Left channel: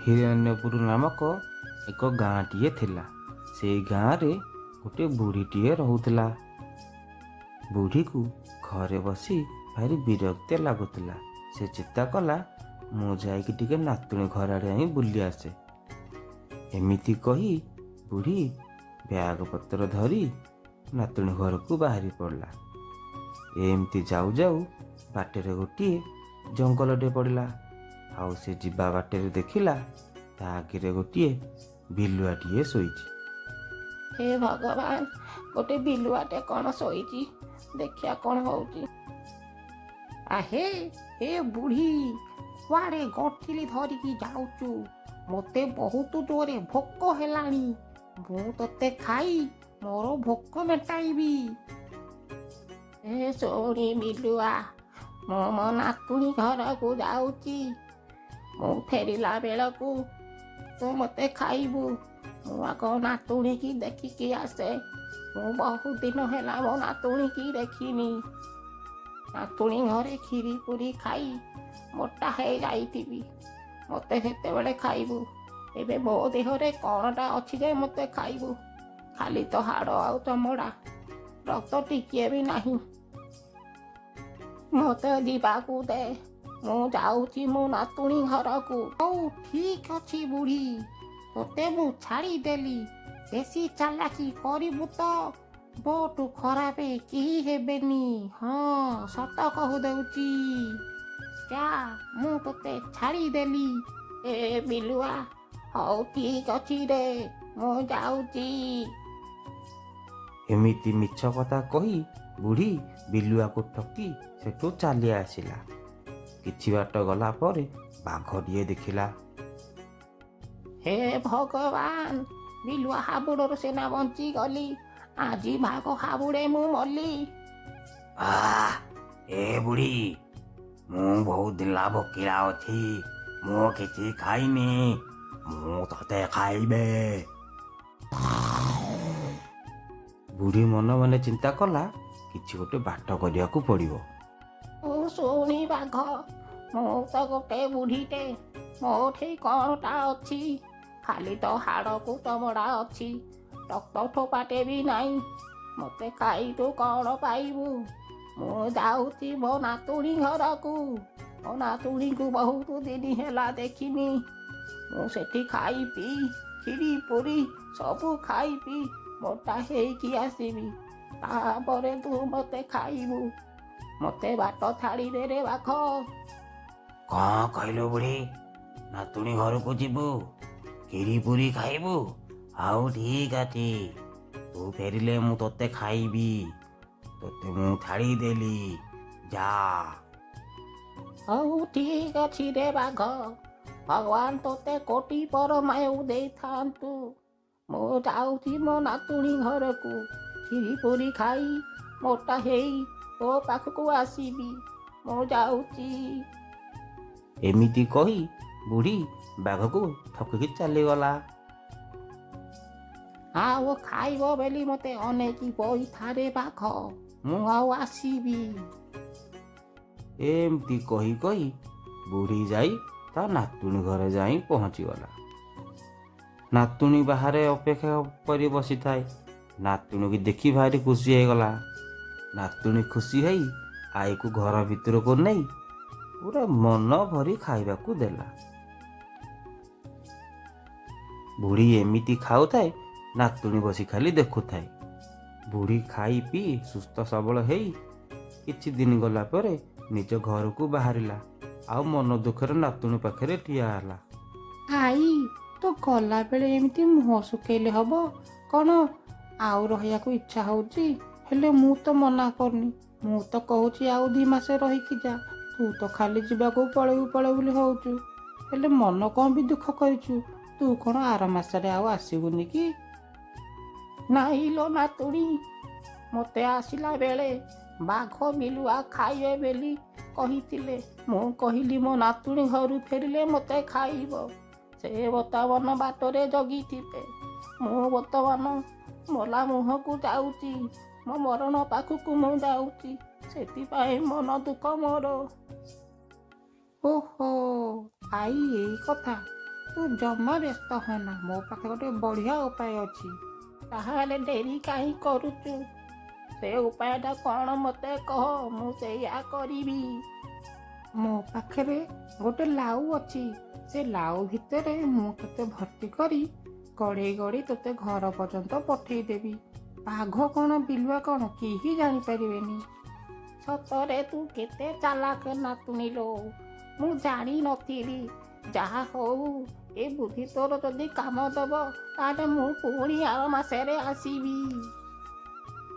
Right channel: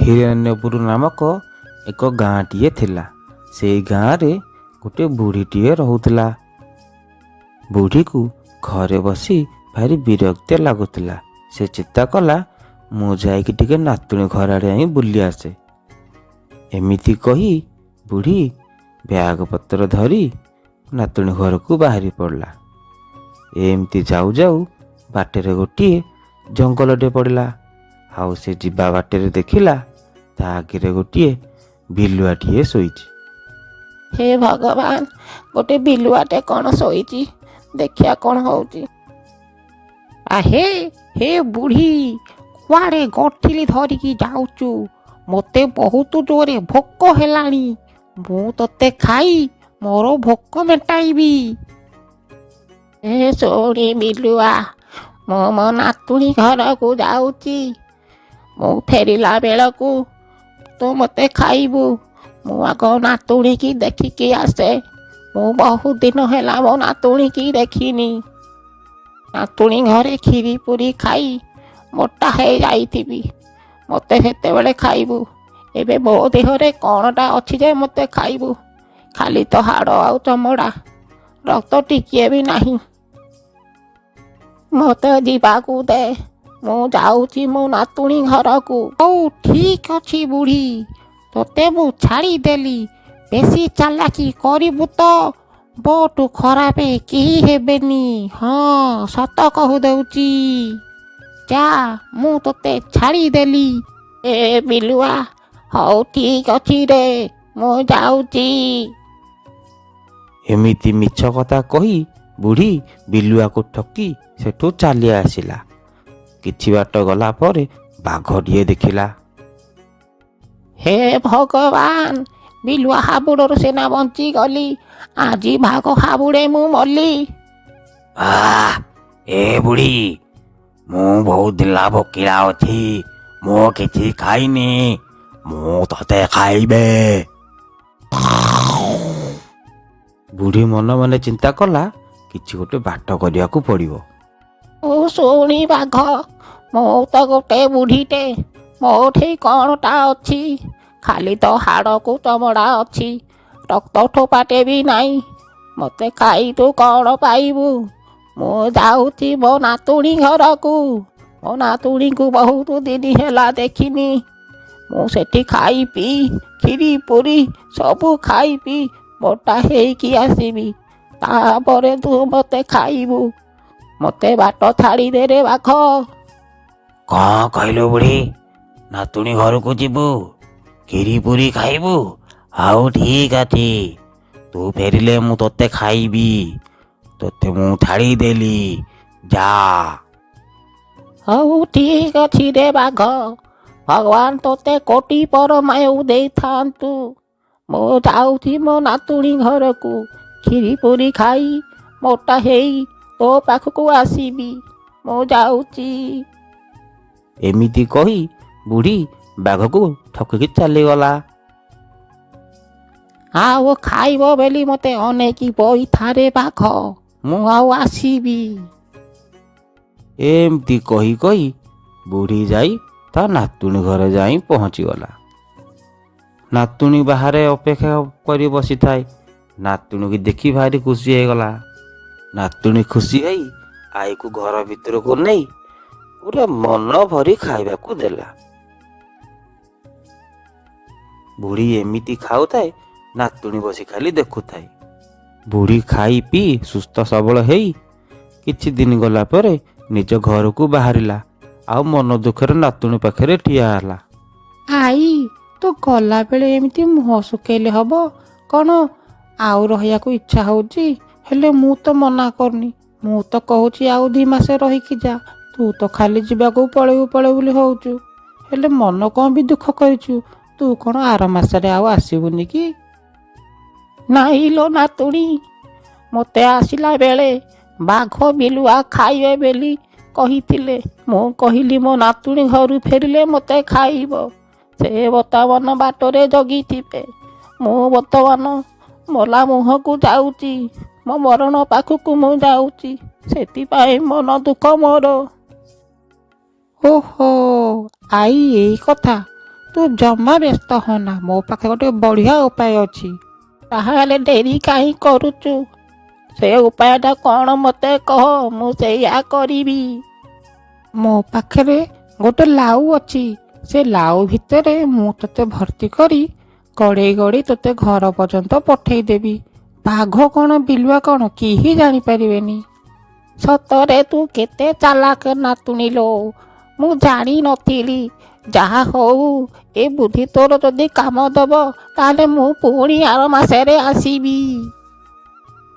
ହିରଣ୍ୟପୁର ନାମକ ଏକ ଗାଁଟିଏ ଥିଲା। ସେଇ ଗାଁରେ ଗୋଟିଏ ବୁଢ଼ୀଟିଏ ରହୁଥିଲା। ବୁଢ଼ୀକୁ ଘରେ ବସି ଭାରି ବିରକ୍ତ ଲାଗୁଥିଲା। ସେ ଚିନ୍ତା କଲା, ମୁଁ ଯାଇକି ଟିକେ ନାତୁଣୀ ଘର ଆଡ଼େ ଯାଇ ବୁଲି ଆସେ। ଏମିତି କହି ବୁଢ଼ୀ ବ୍ୟାଗ ପତ୍ର ଧରି ନାତୁଣୀ ଘରକୁ ବାହାରି ପଡ଼ିଲା। ଏମିତି ଯାଉ ଯାଉ ବାଟରେ ଗୋଟିଏ ଜଙ୍ଗଲଟେ ପଡ଼ିଲା। ଆଉ ସେ ଯିବା ବାଟରେ ଦେଖିଲା ତା ଆଗରେ ଗୋଟିଏ ବିଲୁଆଟିଏ ଶୋଇଛି। ହେ ଭଗବାନ, ଗୋଟେ ବିଲୁଆଟେ କ'ଣ ଶୋଇଛି, ଦେଖିଆ କ'ଣ ହଉଛି। ଆହେ ହେ ବୁଢ଼ୀ, କୁଆଡ଼େ ଗଣ୍ଠିଲି ଧରିକି ଯାଉଛୁ? ମୋତେ ବହୁତ ଜୋରେ ଭୋକ ହେଲାଣି। ମୁଁ ତୋତେ ଖାଇ ମୋର ଭୋକ ମେଣ୍ଟାଇବି। ଏ ଶୁଣି ବିଲୁଆ, ମୁଁ ମୋ ନାତୁଣୀ ଘରକୁ ଯାଉଛି। ମୁଁ ଫେରିଲା ବେଳକୁ ତୁ ମୋତେ ଖାଇବୁ। ମୁଁ ଆଗ ନାତୁଣୀକି ଦେଖିକି ଆସେ। ମୁଁ ବହୁତ ଦିନ ହେଲା ମୋ ନାତୁଣୀକି ଦେଖିନି। ନାତୁଣୀ ଘରେ କ୍ଷୀରି ପୁରି ଖାଇ ମୋଟା ହେଇଯାଇଥିବି। ମୋତେ ସେତେବେଳେ ଖାଇବୁ। ଏବେ ମୋ ଦେହରେ କ'ଣଟା ଅଛି ଯେ ମୋତେ ଖାଇବୁ? ଖାଲି ତ ହାଡ଼ ଆଉ ଚମଡ଼ା, ରକ୍ତ ଟିକିଏ ବି ନାହିଁ। ମୋତେ ଯିବାକୁ ଦେ, ମୁଁ ଯାଉଛି ମୋ ନାତୁଣୀ ଘରକୁ। ହଉ ଠିକ୍ ଅଛି ବୁଢ଼ୀ, ତୋତେ ମୁଁ ଛାଡ଼ିଦେଲି। ବେଶୀ ଚାଲାକି କରିବୁ ତ ବହୁତ ଖରାପ କେହି ହେବେନି। ହଁ, ସତ କହୁଦେଉଛି। ଯା, ମୁଁ ତୋତେ ଛାଡ଼ିଦେଲି। ଏ ବିଲୁଆ, ହଉ ଠିକ୍ ଅଛି ରେ, ମୁଁ ଯାଉଛି। ଏମିତି ମିଛ କଥା କହି ବୁଢ଼ୀ ବିଲୁଆକୁ ଠକି ସେଠୁ ଚାଲି ଆସିଲା। କିଛି ବାଟ ଗଲା ପରେ ବାଘଟିଏ ଦେଖିଲା। ହେ ଭଗବାନ, ବିଲୁଆ ହାବୁଡ଼ରୁ ସିନା ବଞ୍ଚିଗଲି, ଆଜି ବାଘ ହାବୁଡ଼େ ମୁଁ ମଲି। ଏ ବୁଢ଼ୀ, ମୁଁ ବହୁତ ଦିନ ଭୋକିଲା ଅଛି। ମୁଁ କିଛି ଖାଇନି, ମୁଁ ତତେ ଖାଇବେ। ବୁଢ଼ୀ ମନେ ମନେ ଚିନ୍ତା କଲା, କିଛି ଗୋଟେ ବାଟ କରିବାକୁ ପଡ଼ିବ। ଓ ଶୁଣି ବାଘ, ମୁଁ ତ ଗୋଟେ ବୁଢ଼ୀଟେ, ମୋଠି କ'ଣଟା ଅଛି? ଖାଲି ତ ହାଡ଼କୁ ଚମଡ଼ା ଅଛି, ରକ୍ତ ଠୋପାଟେ ବି ନାହିଁ। ମୋତେ ଖାଇ ତୁ କ'ଣ ପାଇବୁ? ମୁଁ ଯାଉଛି ମୋ ନାତୁଣୀ ଘରକୁ। ମୋ ନାତୁଣୀକୁ ବହୁତ ଦିନ ହେଲା ଦେଖିନି। ମୁଁ ସେଠି ଖାଇ ପିଇ କ୍ଷୀରି ପୁରି ସବୁ ଖାଇ ପିଇ ମୋଟା ହେଇକି ଆସିବି। ତାପରେ ତୁ ମୋତେ ଖାଇବୁ। ମୋତେ ବାଟ ଛାଡ଼ିଦେରେ ବାଘ। କ'ଣ କହିଲୁ ବୁଢ଼ୀ? ନାତୁଣୀ ଘରକୁ ଯିବୁ, କ୍ଷୀରି ପୁରି ଖାଇବୁ? ଆଉ ଠିକ୍ ଅଛି, ତୁ ଫେରିଲେ ମୁଁ ତୋତେ ଖାଇବି। ତୋତେ ମୁଁ ଛାଡ଼ିଦେଲି, ଯା। ହଉ ଠିକ୍ ଅଛି ରେ ବାଘ, ଭଗବାନ ତୋତେ କୋଟି ପରମାୟୁ ଦେଇଥାନ୍ତୁ। ମୁଁ ଯାଉଛି ମୋ ନାତୁଣୀ ଘରକୁ, କ୍ଷୀରି ପୁରି ଖାଇ ମୋଟା ହେଇ ତୋ ପାଖକୁ ଆସିବି। ମୁଁ ଯାଉଛି। ଏମିତି କହି ବୁଢ଼ୀ ବାଘକୁ ଠକିକି ଚାଲିଗଲା। ଆଉ ଖାଇବ ବୋଲି ମୋତେ ଅନେଇକି ବଇଥାରେ ବାଘ, ମୁଁ ଆଉ ଆସିବି। ଏମିତି କହି କହି ବୁଢ଼ୀ ଯାଇ ତା ନାତୁଣୀ ଘରେ ଯାଇ ପହଞ୍ଚିଗଲା। ନାତୁଣୀ ବାହାରେ ଅପେକ୍ଷା କରି ବସିଥାଏ। ନାତୁଣୀକି ଦେଖି ଭାରି ଖୁସି ହେଇଗଲା। ନାତୁଣୀ ଖୁସି ହେଇ ଆଈକୁ ଘର ଭିତରକୁ ନେଇ ପୁରା ମନ ଭରି ଖାଇବାକୁ ଦେଲା। ବୁଢ଼ୀ ଏମିତି ଖାଉଥାଏ, ନାତୁଣୀ ବସି ଖାଲି ଦେଖୁଥାଏ। ବୁଢ଼ୀ ଖାଇ ପିଇ ସୁସ୍ଥ ସବଳ ହେଇ କିଛି ଦିନ ଗଲା ପରେ ନିଜ ଘରକୁ ବାହାରିଲା। ଆଉ ମନ ଦୁଃଖରେ ନାତୁଣୀ ପାଖରେ ଠିଆ ହେଲା। ଆଈ, ତୁ ଗଲାବେଳେ ଏମିତି ମୁହଁ ଶୁଖେଇଲେ ହବ କ'ଣ? ଆଉ ରହିବାକୁ ଇଚ୍ଛା ହେଉଛି, ହେଲେ ମୁଁ ତ ମନା କରୁନି। ମୁଁ ତ କହୁଛି ଆଉ 2 ମାସ ରହିକି ଯା। ତୁ ତ ଖାଲି ଯିବାକୁ ପଳେଇବୁ ପଳେଇବୁ ବୋଲି ହେଉଛୁ। ହେଲେ ମନ କ'ଣ ବି ଦୁଃଖ କରିଛୁ? ତୁ କ'ଣ ଆର ମାସରେ ଆଉ ଆସିବୁନି କି? ନାଇଁ ଲୋ ନାତୁଣୀ, ମୋତେ ଆସିଲା ବେଳେ ବାଘ ବିଲୁଆ ଖାଇବେ ବୋଲି କହିଥିଲେ। ମୁଁ କହିଲି ମୋ ନାତୁଣୀ ଘରୁ ଫେରିଲେ ମୋତେ ଖାଇବ। ସେ ବର୍ତ୍ତମାନ ବାଟରେ ଜଗିଥିବେ। ମୁଁ ବର୍ତ୍ତମାନ ମଲା ମୁହଁକୁ ଯାଉଛି, ମୋ ମରଣ ପାଖକୁ ମୁଁ ଯାଉଛି। ସେଥିପାଇଁ ମନ ଦୁଃଖ ମୋର। ଓହୋ, ଆଈ ଏଇ କଥା। ତୁ ଜମା ବ୍ୟସ୍ତ ହନା, ମୋ ପାଖେ ଗୋଟେ ବଢ଼ିଆ ଉପାୟ ଅଛି। ତାହେଲେ ଡେରି କାହିଁ କରୁଛୁ? ସେ ଉପାୟଟା କ'ଣ ମୋତେ କହ, ମୁଁ ସେଇଆ କରିବି। ମୋ ପାଖରେ ଗୋଟେ ଲାଉ ଅଛି। ସେ ଲାଉ ଭିତରେ ମୁଁ ତୋତେ ଭର୍ତ୍ତି କରି ଗଡ଼େଇ ଗଡ଼େଇ ତୋତେ ଘର ପର୍ଯ୍ୟନ୍ତ ପଠେଇଦେବି। ବାଘ କ'ଣ ବିଲୁଆ କ'ଣ କେହି ଜାଣିପାରିବେନି। ସତରେ ତୁ କେତେ ଚାଲାକ ନାତୁଣୀ ଲୋ, ମୁଁ ଜାଣିନଥିଲି। ଯାହା ହଉ, ଏ ବୁଦ୍ଧି ତୋର ଯଦି କାମ ଦେବ ତାହେଲେ ମୁଁ ପୁଣି ଆର ମାସରେ ଆସିବି।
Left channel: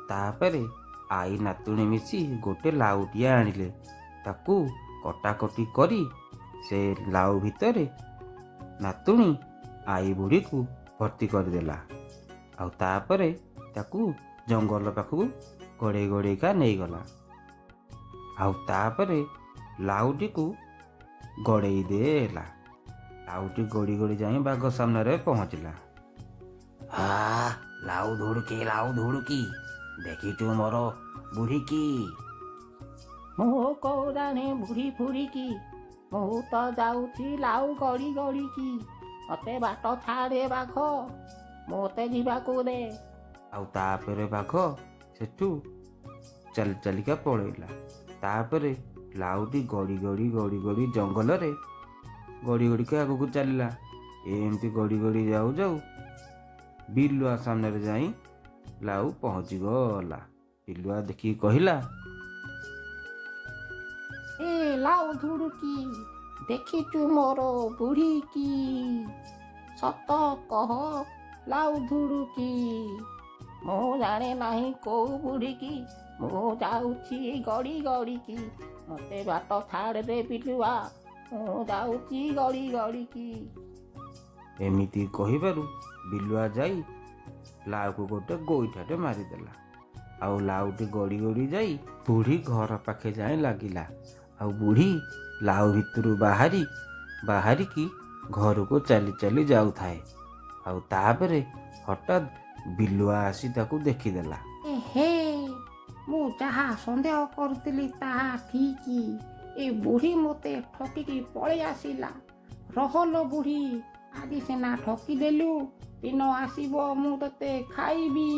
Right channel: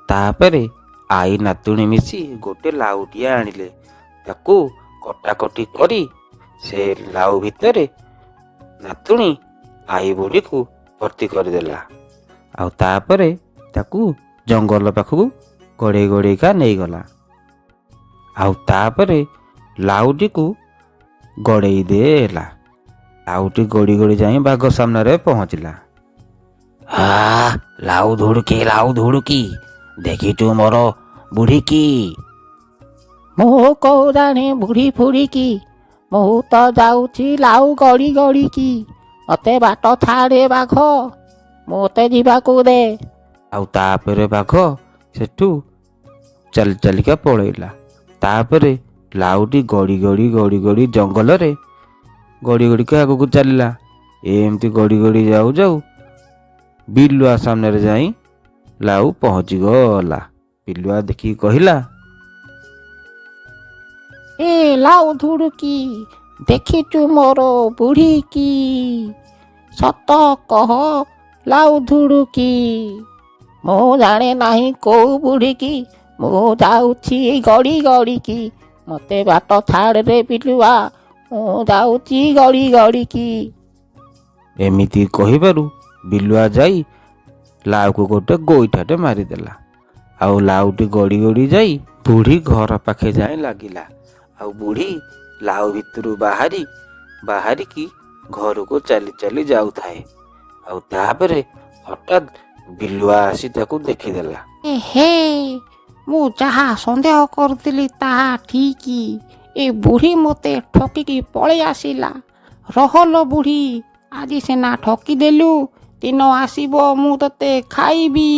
ତାପରେ ଆଈ ନାତୁଣୀ ମିଶି ଗୋଟେ ଲାଉଟିଏ ଆଣିଲେ। ତାକୁ କଟାକଟି କରି ସେ ଲାଉ ଭିତରେ ନାତୁଣୀ ଆଈ ବୁଢ଼ୀକୁ ଭର୍ତ୍ତି କରିଦେଲା। ଆଉ ତାପରେ ତାକୁ ଜଙ୍ଗଲ ପାଖକୁ ଗଡ଼େଇ ଗଡ଼େଇକା ନେଇଗଲା। ଆଉ ତାପରେ ଲାଉଟିକୁ ଗଡ଼େଇ ଦେଲା। ଲାଉଟି ଗଡ଼ି ଗଡ଼ି ଯାଇ ବାଘ ସାମ୍ନାରେ ପହଞ୍ଚିଲା। ଲାଉ ଧୁଡ଼ୁକି ଦେଖିଛୁ ମୋର ବୁଢ଼ୀକି? ମୁଁ କୋଉ ଜାଣେ ବୁଢ଼ୀ ଫୁଢ଼ିକି, ମୁଁ ତ ଯାଉଛି ଲାଉ ଗଡ଼ି ଗଡ଼ିକି। ମୋତେ ବାଟ ଛାଡ଼େ ବାଘ, ମୋତେ ଯିବାକୁ ଦେ। ଆଉ ତାପରେ ବାଘ ସେଠୁ ଚାଲି ଚାଲିକା ପଳେଇଲା। ତାପରେ ଲାଉଟି ଗଡ଼ି ଗଡ଼ି ଗଡ଼ି ଗଡ଼ି ଜଙ୍ଗଲରେ ଗଡ଼ି ଗଡ଼ିକା ଆଗକୁ ଚାଲିଲା। ଏମିତି ଗଡ଼ି ଗଡ଼ି ଯାଉ ଯାଉ ବିଲୁଆ ସାମ୍ନାରେ ଯାଇ ଲାଉ ପହଞ୍ଚିଗଲା। ବିଲୁଆ ଦେଖିକି କହିଲା, ଏ ଲାଉ ଧୁଡ଼ୁକି, ଦେଖିଛୁ ମୋର ବୁଢ଼ୀକି? ସତ କହ ଲାଉ ଧୁଡ଼ୁକି। ମୁଁ ଜାଣେ ନାହିଁ କୋଉ ବୁଢ଼ୀକି, ମୁଁ ଯାଉଛି ଗଡ଼ି ଗଡ଼ିକି। ମୋତେ ବାଟ ଛାଡ଼ରେ ବିଲୁଆ, ମୁଁ ଯାଉଛି ଗଡ଼ି ଗଡ଼ିକି। ଏମିତି କହିବାରୁ ବିଲୁଆ ଯାଇ ଲାଉକୁ ଗୋଟେ ଗୋଇଠାଟେ ମାରିଦେଲା। ଆଉ ଲାଉଟି ଗଡ଼ି ଗଡ଼ି ଯାଇ ବୁଢ଼ୀ ଘର ପାଖେ ଯାଇ ଲାଗିଲା। ଆଉ ବୁଢ଼ୀ ଲାଉ ଭିତରୁ ବାହାରିକି ଘରକୁ ଚାଲି ଚାଲି ଯାଉଥାଏ। ଆଉ ତାପରେ ହଠାତ୍ ବିଲୁଆ ଆସି ତାକୁ ଦେଖିଦେଲା। ହେ, ମୁଁ ଯାହା ସନ୍ଦେହ କରୁଥିଲି ତାହା ଠିକ୍। ଏ ବୁଢ଼ୀ ମୋତେ ଠକିକି ପଳେଇ ଆସିଲା। ରହଲୋ ବୁଢ଼ୀ, ଆଜି ସିନା ଠକିଦେଲୁ, ଦିନ ଆସିବ ମୁଁ ତତେ ଖାଇବି।